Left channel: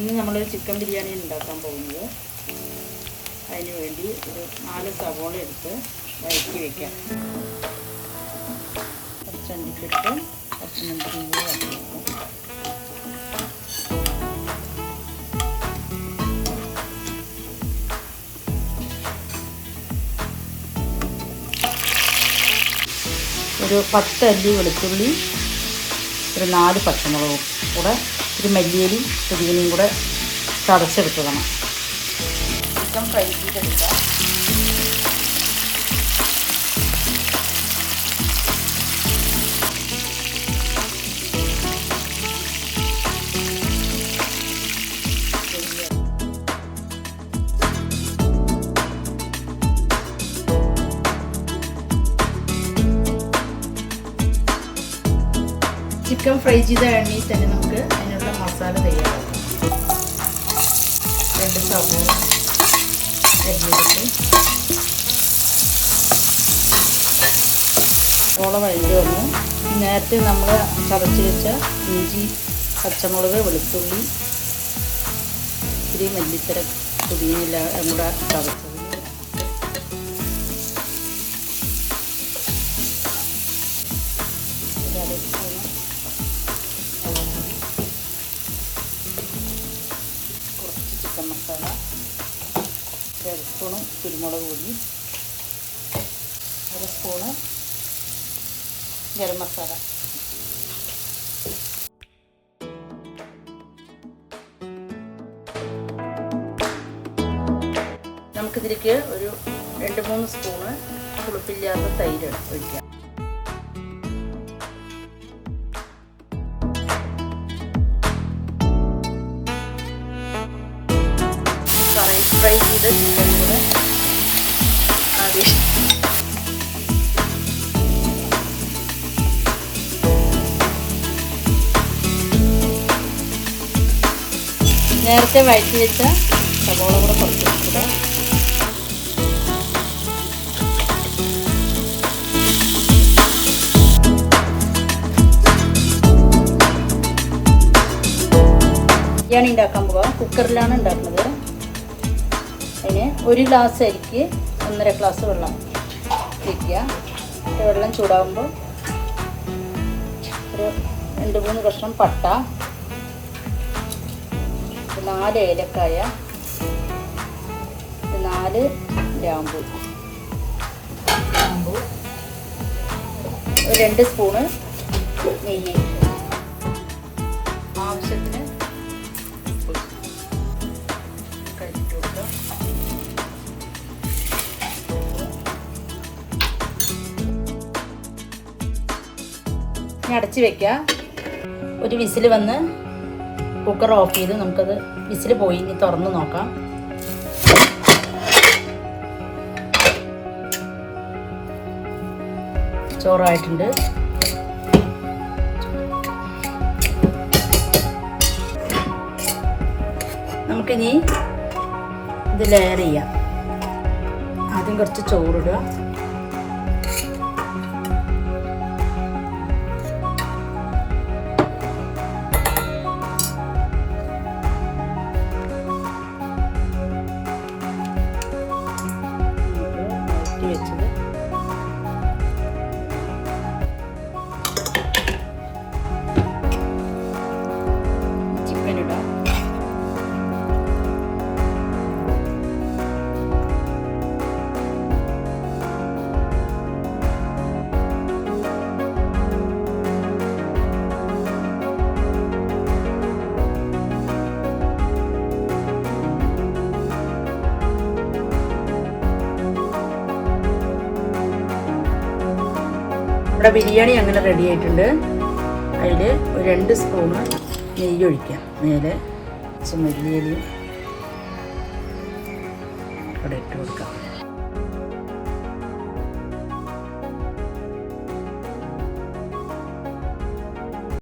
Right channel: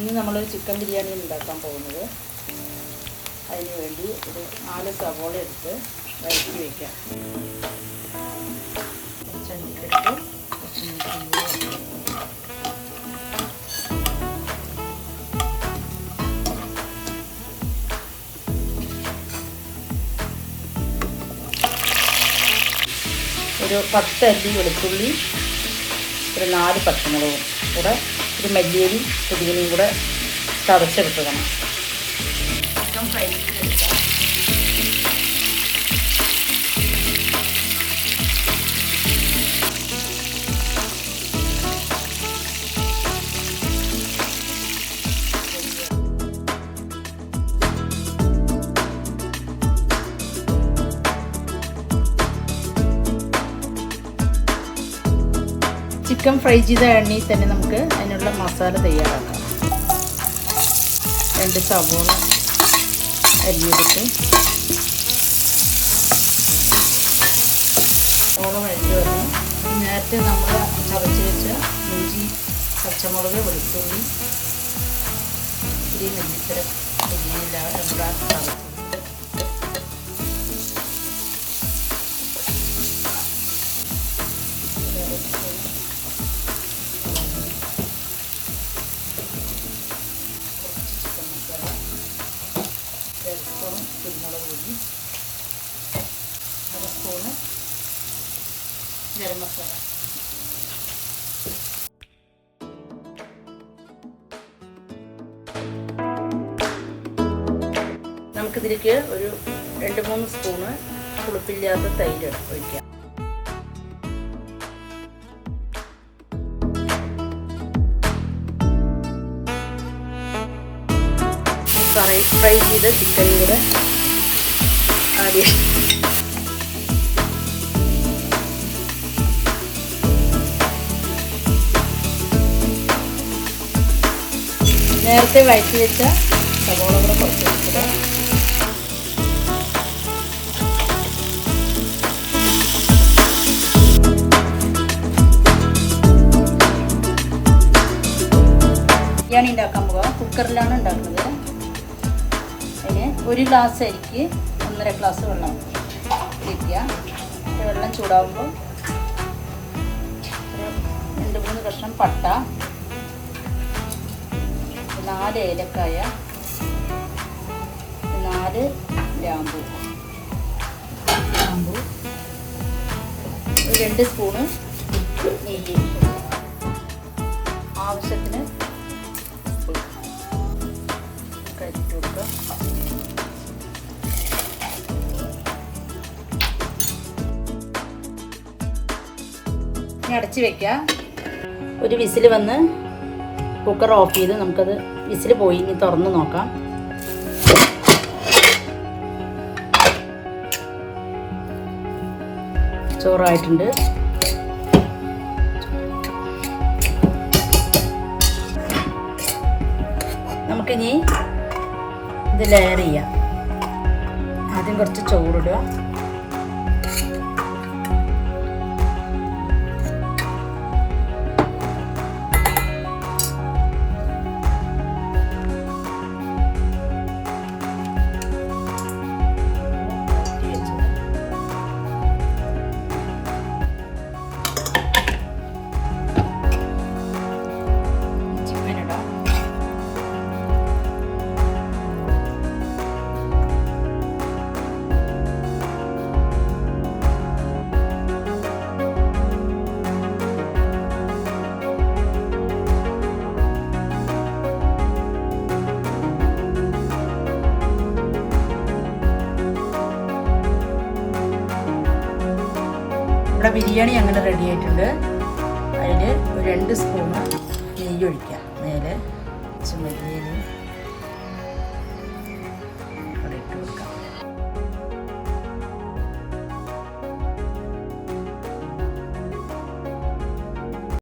ഇനി നമ്മളൊരു ചിക്കൻ ബിരിയാണി ഉണ്ടാക്കാൻ പോകുന്നത്. അതിന് വേണ്ടി ഒരു 4 സവോള എടുത്ത് വഴറ്റി വയ്ക്കാം. ചണ്ടിക്കെടുത്ത് ഒരു 10 അല്ലി വെളുത്തുള്ളി, ഒരു 4 പച്ചമുളകും കൂടെ, ഒരു മല്ലിയിലും പുതിനയും കൂടെ ചതച്ചെടുത്തതാണ്. ചിക്കൻ ഫ്രൈ ചെയ്തെടുക്കാം. ചിക്കൻ ഫ്രൈ ചെയ്ത എണ്ണയിൽ തന്നെ നമുക്ക് അതിനുള്ള മസാല തയ്യാറാക്കാം. 2 സവോള അരിഞ്ഞെടുത്ത് സവോള വഴറ്റി വന്ന് നേരത്തെ നമ്മൾ ചതച്ച് വെച്ച ഇഞ്ചി, പച്ചമുളക്, വെളുത്തുള്ളി, ഇത്തിരി മല്ലിത്തര, പുതിയില എന്നിവ ചതച്ച് മസാല, 1 സ്പൂൺ കുരുമുളക് പൊടി, 1 സ്പൂൺ ഗരം മസാല. നമുക്കിതിലേക്ക് ഒരു 2-3 സ്പൂണ് പുളിപ്പില്ലാത്ത തൈര് ഒഴിക്കാം. ഫ്രൈ ചെയ്ത ചിക്കനും കൂടെ ആദ്യം നേരത്തെ വഴറ്റി വെച്ച സവോള കൂടെ കുറച്ച് വെച്ചിട്ട് ബിരിയാണി ഉണ്ടാക്കാൻ പോകാം. കുക്കറിലാണ് ഉണ്ടാക്കുന്നത്. അതിന് 1 ഗ്ലാസ് അരിക്ക് 1.5 ഗ്ലാസ് വെള്ളം ഒഴിക്കുക. വെള്ളം ചൂടാകുമ്പോൾ ഒരു 2-3 കഷ്ണം പട്ട, 4 ഏലക്കായ, 4 ഗ്രാമ്പൂ, 2 സ്പൂണ് നെയ്യ്, ആവശ്യത്തിന് കരിച്ചു കൊടുക്കുക. അടച്ച് വെക്കുക. ഒരു വിസിൽ വന്ന് കുക്കർ ഓഫ് ചെയ്ത് നമുക്കത് വിസിൽ പോയി ഇനി തുറന്ന് നോക്കാം. ചോറായിട്ടുണ്ട്. നമുക്കിനി ഇത് ലെയർ ചെയ്യാം. ആദ്യം കുറച്ച് ചോറിടുക. ഇവിടെ ബിരിയാണി അങ്ങനെ റെഡി ആയിട്ടുണ്ട്. അതിൽ 2 സ്പൂൺ നെയ്യ് ഒഴിക്കാം. മേലെ മല്ലിയിലയും